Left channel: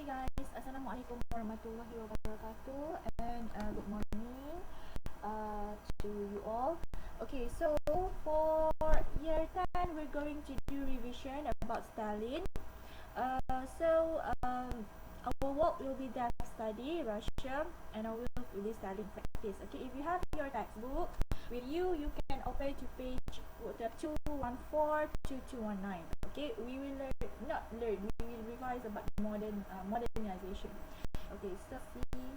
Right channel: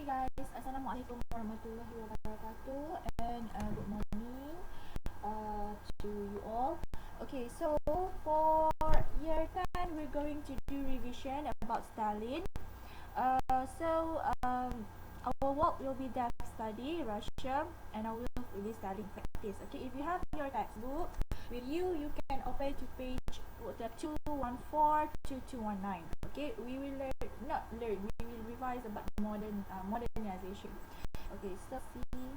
Okay guys, Assalamualaikum warahmatullahi wabarakatuh and good morning to you all. Okay, so for year 10 we're going to do revision about Stalin. Our work will be depth study, Russia, and our work will be Stalin practice. Okay, if you have your textbook with you, you can open to page 214 to 219. Okay, we will we will revise about modernization. Okay, so see.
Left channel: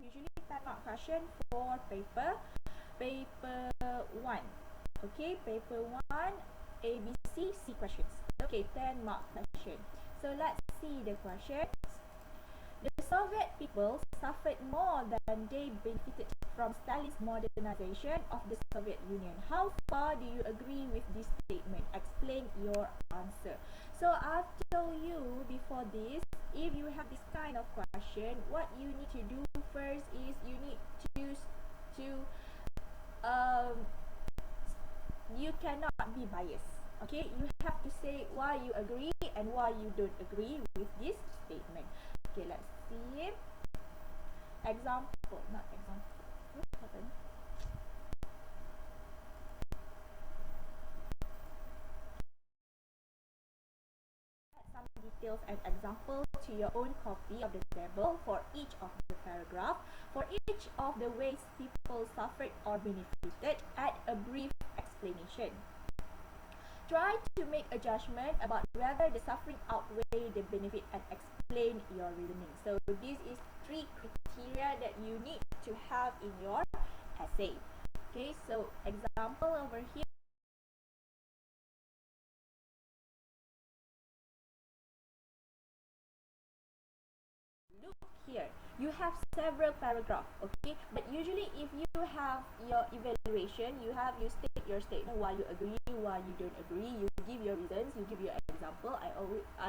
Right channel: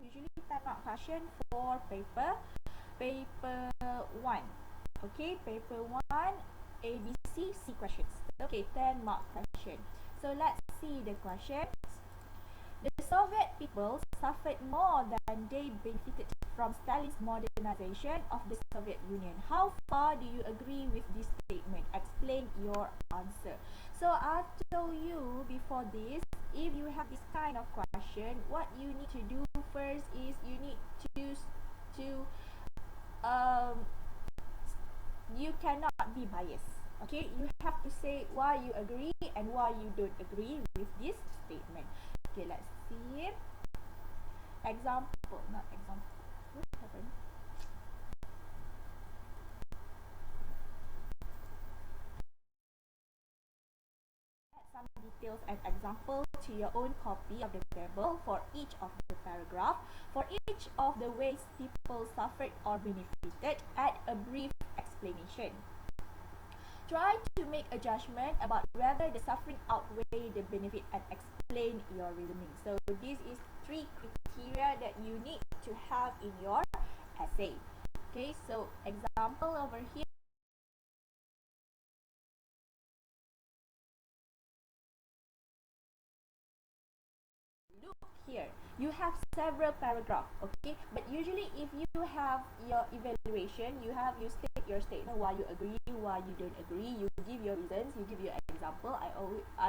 Usually 10 mark question for paper 1. Okay, paper 1, A, B, C questions. Okay, 10 mark question. So let's see the questions. The Soviet people suffered more than they benefited from Stalin's modernization of the Soviet Union. How far do you agree with this statement? Explain your answer. So I told you before this, if you have this kind of question, what you need to do first is you need to you cannot be biased. Okay, you have to say why you agree and why you don't agree with this statement. Okay, let's see. Example, not example. What happened? Add some details and example to your own copy of the table for each of the paragraph. For each of the ways people suffered or benefited, add a brief explanation. Try to make a judgment about whether the suffering outweigh the benefit and explain your reasoning. So this is 3 criteria that you need to have in your essay. Okay, so example over here. Look here, you have several paragraphs, okay? But usually if you have your evaluation, you state your statement, why you agree, why you don't agree, you give your reasons, you give your example. I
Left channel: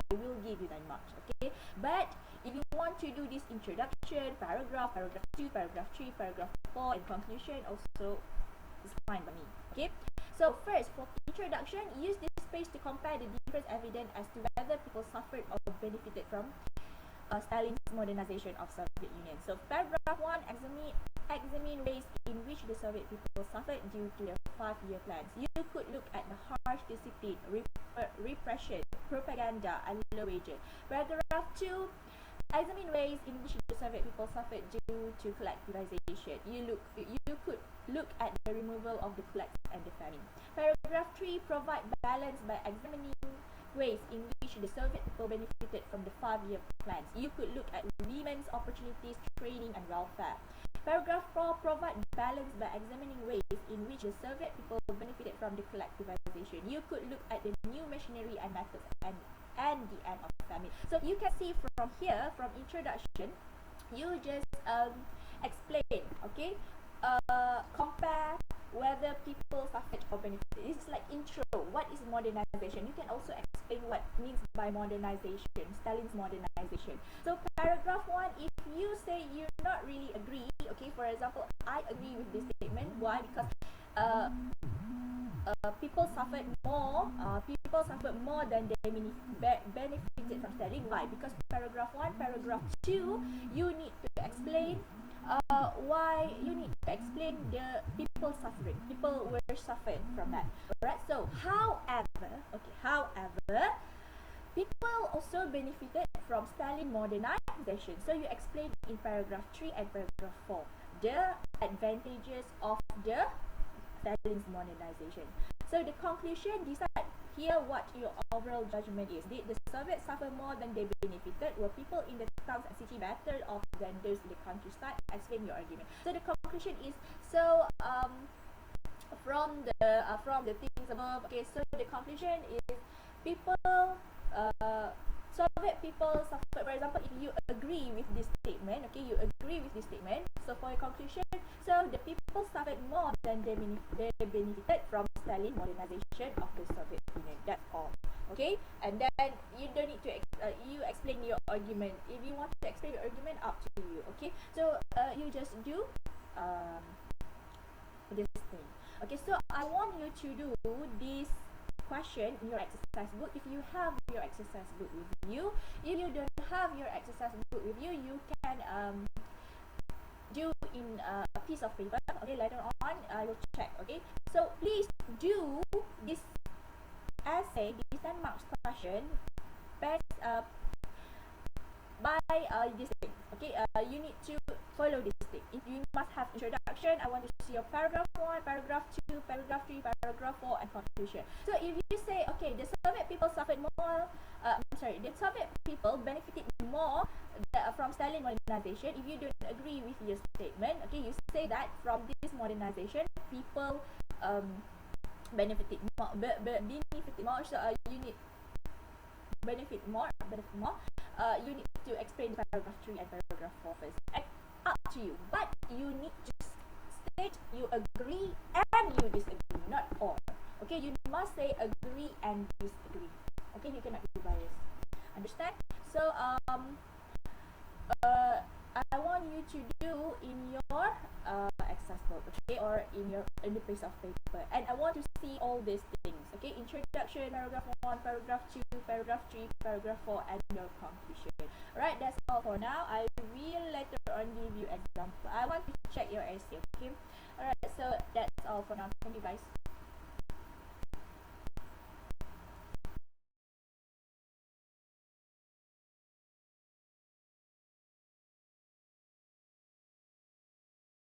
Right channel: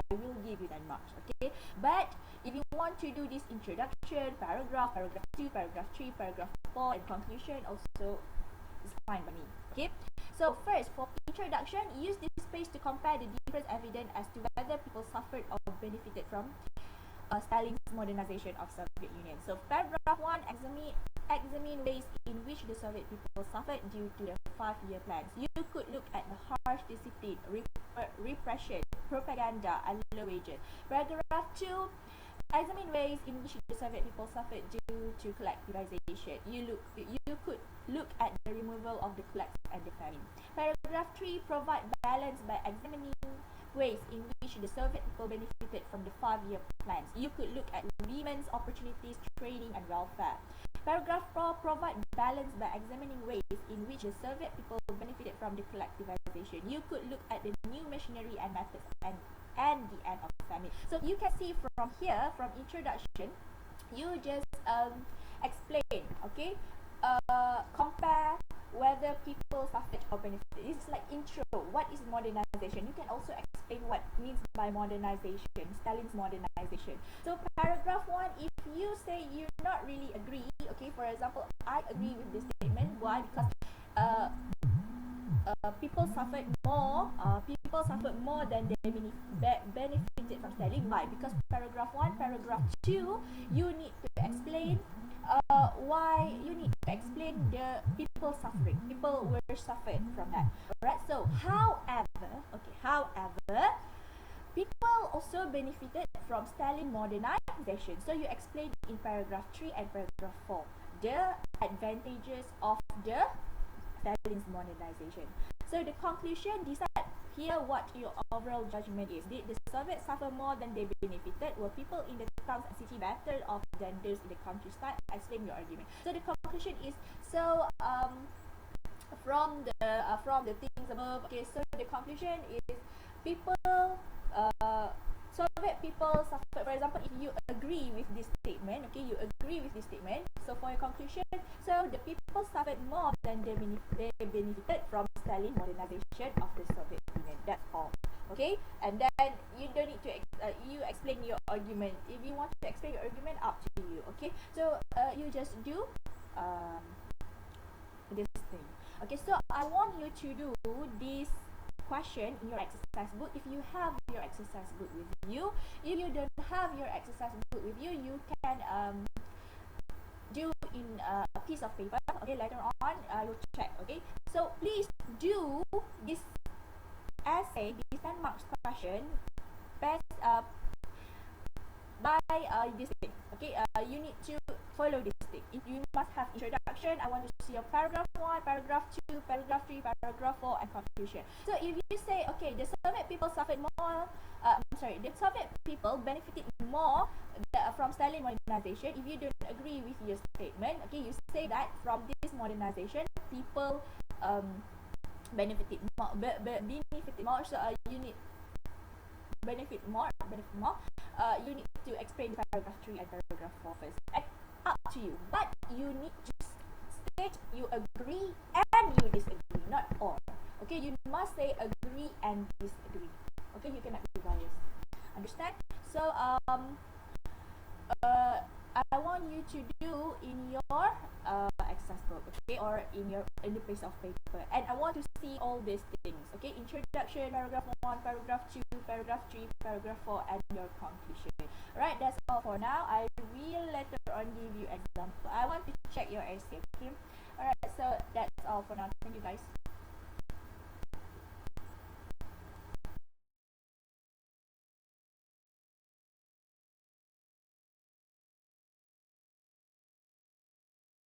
will give you 10 marks, okay? But if you want to do this introduction, paragraph 2, paragraph 3, paragraph 4, and conclusion, also is fine by me, okay? So first, for introduction, use this space to compare the different evidence as to whether people suffered or benefited from Stalin's modernization of Soviet Union. So paragraph 1, examine ways in which the Soviet people suffered due to their 5-year plans. You could look at the harsh discipline, repression, propaganda, and low wages. Paragraph 2, examine ways in which the Soviet people suffered due to collectivization. You could look at the removal of the kulaks and the famine. Paragraph 3, provide balance by examining ways in which the Soviet people benefited from the 5-year plans. You could look at women's opportunities, training, and welfare. Paragraph 4, provide balance by examining ways in which the Soviet people benefited from the collectivization. You could look at the new machinery and methods and the end of famine. So you can see from here, from introduction, you just explain, okay? Compare whether people suffered or benefited. It's like intro. What is modernization? You can also explain what means by modernization, Stalin's modernization. So paragraph 1, if you say you're not really agree, okay, for example, I agree with this statement. Why? Because people suffered more. People suffered more than they benefited from Stalin. Why? Because paragraph 1, paragraph 2, you need to explain why you need to explain the people suffering. People were suffered from that. Alright. So, however, people also benefited from Stalin modernization. So you explain in paragraph 3 and paragraph 4 the advantages of the Stalin's modernization. So the conclusion, decide here what your overall judgment is. Did the Soviets suffer more than they benefited? Were people in the towns and city better off than those in the countryside? Explain your argument. So the conclusion is, so from the things above, okay, so the conclusion is people Soviet people suffered. For example, if you agree with this statement, okay, you agree with this statement. So for your conclusion, so the people suffered more than they benefited from Stalin modernization of the Soviet Union. That's all. Okay, and then you don't need to you explain your argument. If you want to explain your argument, up to you. Okay, so you just do this thing. Okay, so I want you to do this question in your exercise book. If you have your exercise book with you, if you don't have your exercise book with you, you can do in a piece of paper. Okay, later on I will check. Okay, so please do this essay, this 10 marks question best by this thing. Okay, you need to follow this thing. You must have introduction. I want to see your paragraph 1, paragraph 2, paragraph 3, paragraph 4, and conclusion. So if you say, okay, the Soviet people suffered more, the Soviet people benefited more from Stalin modernization. If you don't agree with your statement, okay, you say that from this modernization, people benefited more, benefited more. So you need benefit more. You need to explain paragraph 3 and paragraph 4 first. And up to you. But you need to state you agree and you disagree, not or. Okay, you must say agree and disagree. Okay, you cannot be biased. Understand? So I want you to do in your exercise book, okay, or in the piece of paper, and I want to see all these things. Okay, introduction, paragraph 1, paragraph 2, paragraph 3, paragraph 4, and your conclusion. Alright, that's all for now. I will later on give you example. I want to check your essay. Okay. Alright, so that's all for now. Thank you, guys.